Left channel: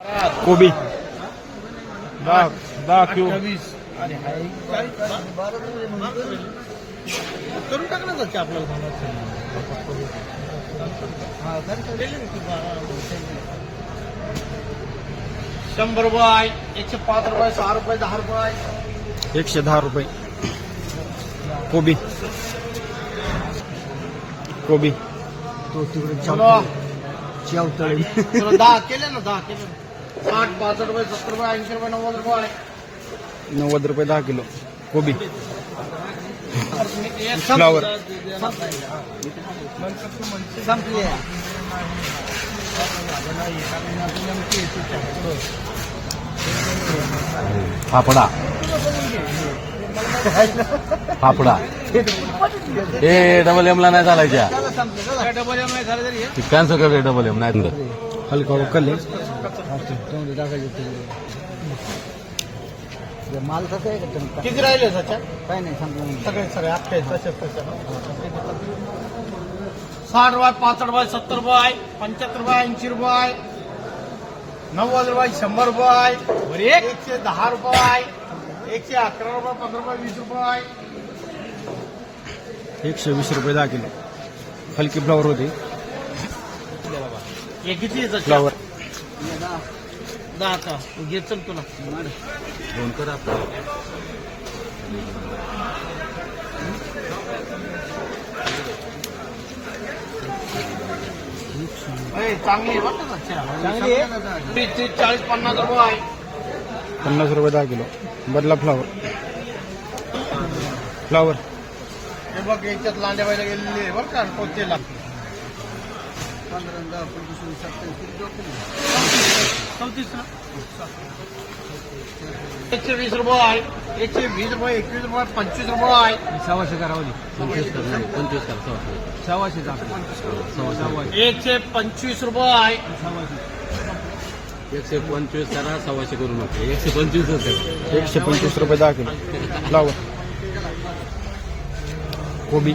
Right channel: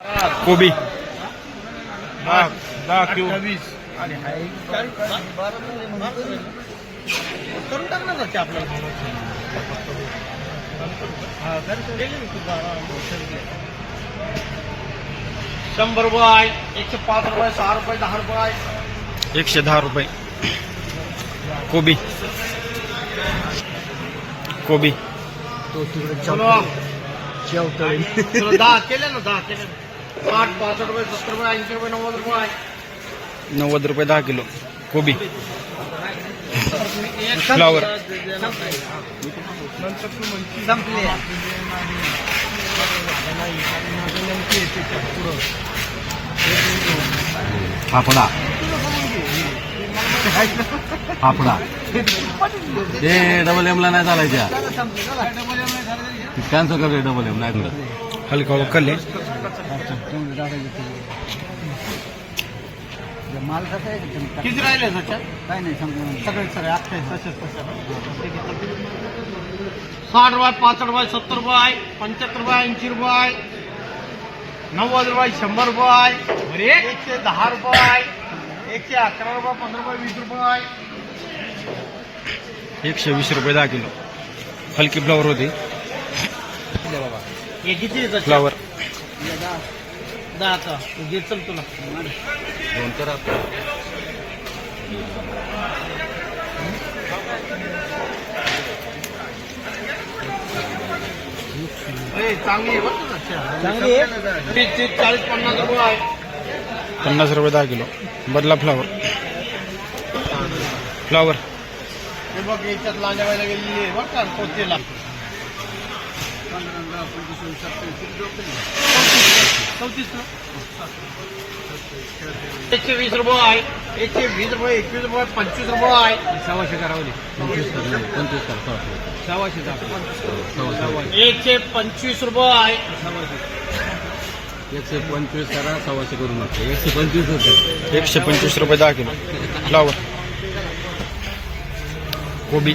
कोबी दहा दहा किलो वीस आणि एक चाळीस बारा करून टाक ना घरचे आपल्याला घर सोडेल मी तुझा, शंभर रुपये एकशे पाच रुपये सहा रुपये दहा रुपये। एकशे दहा रुपये। कोबी कोबी बोला. तुला दहा केले ना दहा केले ना. साठ पासष्ट रुपये सत्तर रुपये ऐंशी रुपये नव्वद रुपये नव्वद रुपये दहा किलो कोबी फ्लावर संपले फाफडा फाफडा ते डबल एमला नाही चालायच्या डबल एम झालं तरी हे. कॅन्सल करले डबल एम नाही तुला हलका कल्ले किती राहिले सध्या काय नाही सगळे सगळे अठ्ठावीस तसेच तसं साठ रुपये पासष्ट रुपये सत्तर रुपये पंच्याहत्तर रुपये ऐंशी रुपये नव्वद रुपये शंभर रुपये एकशे दहा रुपये एकशे अकरा रुपये पंधरा रुपये वीस रुपये एकशे वीस रुपये दहा किलो। हलकी फ्लावर होती। हे किती फ्लावर दहा का घे चल तुला दोन तर ए, चांगली आहे बरं का अच्छा. तीस तीस चाळीस पन्नास रुपये पन्नास रुपये दहा किलो. बदला फ्लावर फ्लावर हे बघ याच्यात लांड्या व्हायला गेलेली आहे बरं का एकशे वीस रुपये एकशे एकवीस रुपये, पंचवीस रुपये सहाशे एकशे पंचवीस एकशे करा सव्वाशे एकशे पंचवीस एकशे पंचवीस रुपये दहा किलो. कोबी.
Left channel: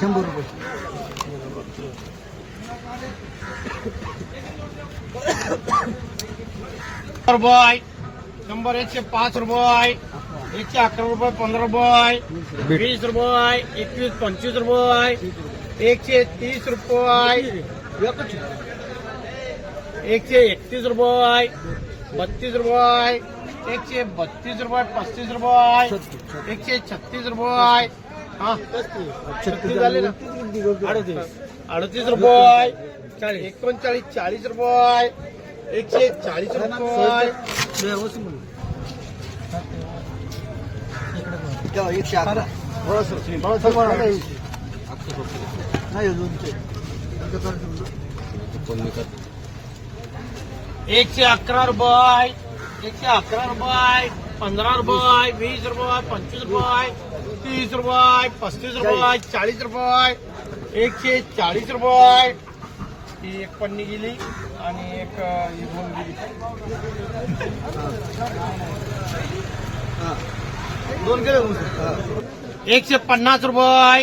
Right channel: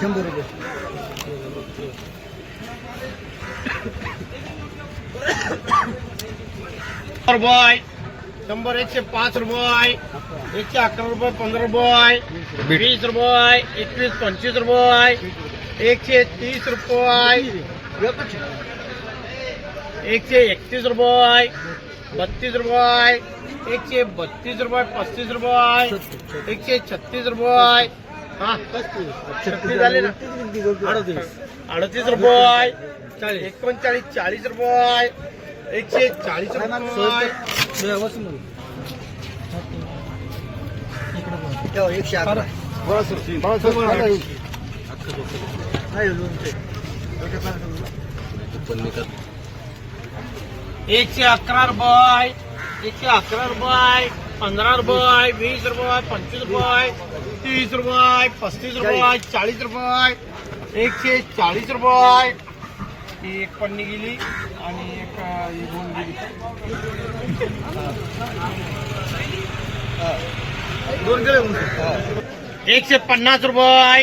शंभर रुपये शंभर एकशे पाच रुपये एकशे अकरा रुपये पंधरा रुपये. वीस रुपये एकवीस पंचवीस रुपये एकशे तीस रुपये एकशे एकतीस रुपये बत्तीस रुपये एकशे बत्तीस रुपये पस्तीस रुपये एकशे छत्तीस रुपये हा? छत्तीस झाले ना? अडतीस. अडतीस रुपये एकोणचाळीस चाळीस रुपये एकशे चाळीस रुपये एकशे अकरा एकशे अकरा रुपये एकशे अकरा रुपये पंधरा रुपये वीस रुपये पंचवीस रुपये तीस रुपये पस्तीस रुपये चाळीस रुपये एकशे चाळीस रुपये ही एक पन्नी गेली आणि एक दोन गेली. दोन एकशे पन्नास रुपये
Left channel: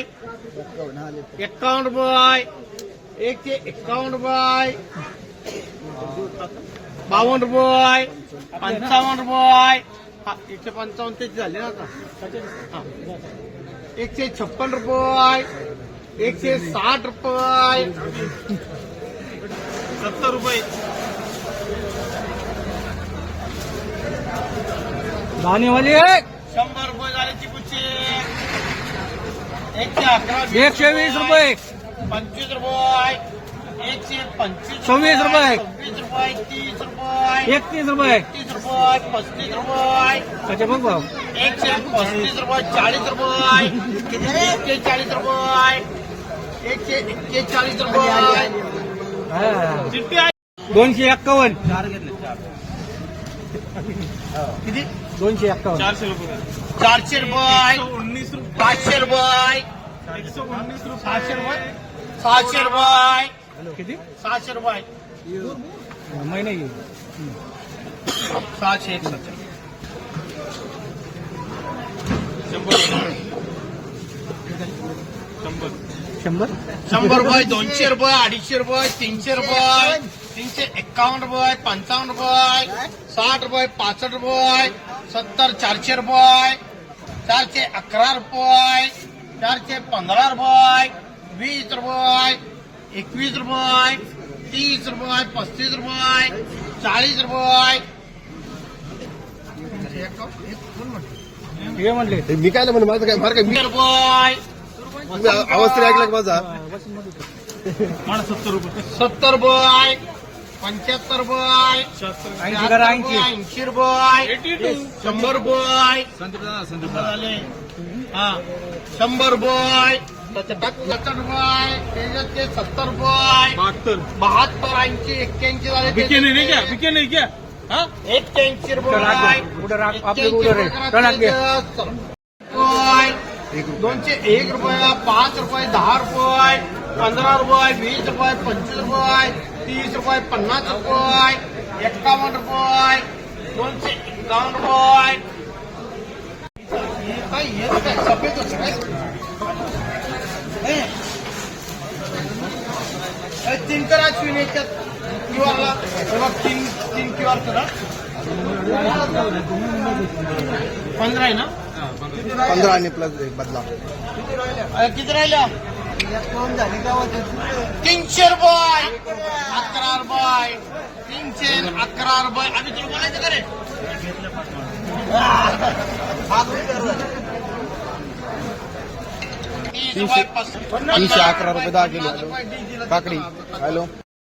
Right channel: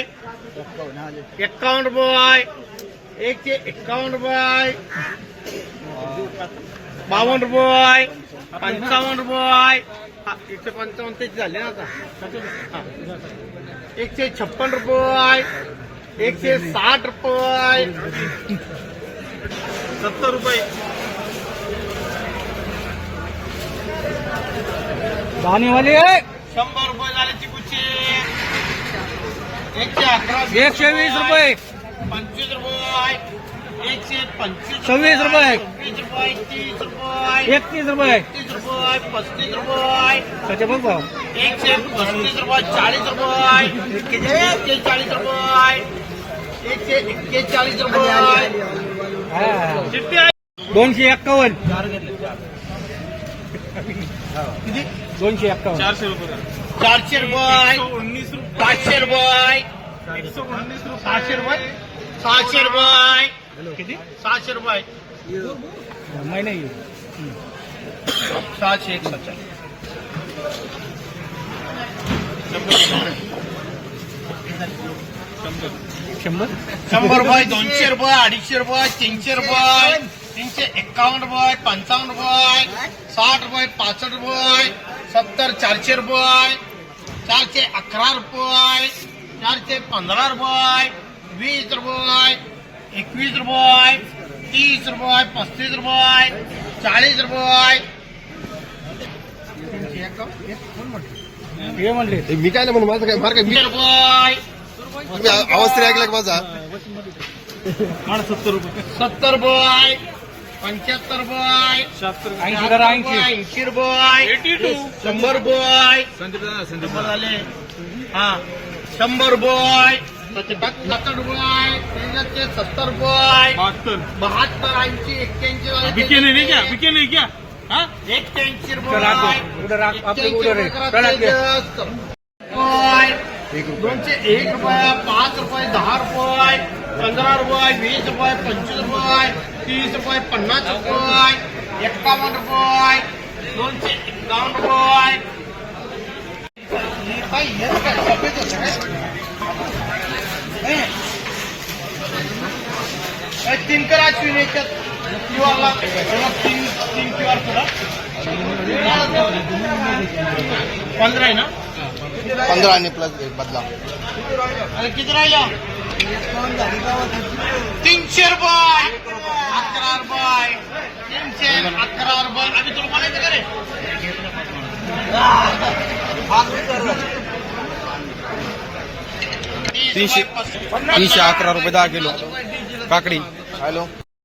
एक्कावन्न रुपये एकशे एक्कावन्न रुपये बावन्न रुपये. पंचावन्न रुपये. एकशे पंचावन्न तेच झाले ना आता. एकशे छप्पन रुपये. एकशे साठ रुपये. सत्तर रुपये. शंभर रुपये झाले चिकूचे. एकशे अकरा. एकशे वीस रुपये. पंचवीस रुपये. एकशे पंचवीस सव्वीस रुपये. पंचवीस रुपये तीस रुपये. एकतीस रुपये. एकतीस रुपये पस्तीस रुपये. बघ भाव एकशे पस्तीस रुपये चाळीस रुपये. एकशे चाळीस रुपये. एकशे एक्केचाळीस रुपये. चिठ्ठी दोनशे एक्कावन्न. किती? दोनशे एक्कावन्न. चारशे रुपये. पाचशे रुपये. सहाशे रुपये. सहाशे रुपये. किती? सहाशे रुपये. महिने सहाशे एक सच्चा शंभर? शंभर रुपये दोनशे रुपये अडीचशे रुपये तीनशे रुपये तीनशे एक्कावन्न रुपये पंचावन्न रुपये साठ रुपये पासष्ट रुपये सत्तर चारशे रुपये चारशे अकरा रुपये चारशे पंधरा रुपये वीस रुपये एकवीस रुपये तीस रुपये पस्तीस रुपये चाळीस रुपये. हे म्हणले. मी काय म्हणून माझं काय फार काय वीस रुपये. तरी ऐकला माझा? सत्तर रुपये पंच्याहत्तर रुपये ऐंशी करा ऐंशी. ऐंशी रुपये. शंभर रुपये. शंभर आले हा. शंभर रुपये. सत्तर रुपये त्याच्यात सत्तर रुपये बहात्तर. ऐंशी एक्क्याऐंशी झाले. करा करा ते रुपये. दोनशे एक रुपये पाच रुपये दहा रुपये पंधरा रुपये वीस रुपये पंचवीस रुपये तीस रुपये पन्नास रुपये एक्कावन्न रुपये दोनशे एक्कावन्न रुपये. हे हे काय सफ़ेद। हे तीन करा अश्विन याच्यात. क्यूआरला तीन तीन क्यूआर करा. पंधरा आहे ना? पंधरा आणि प्लस बदला. अरे किती राहिलं तीनशे रुपये. अकरा रुपये तीनशे अकरा रुपये आम्ही तुला म्हणायचं का रे? तीनशे तीनशे अकरा रुपये दहा किलो. काकडी. Hello.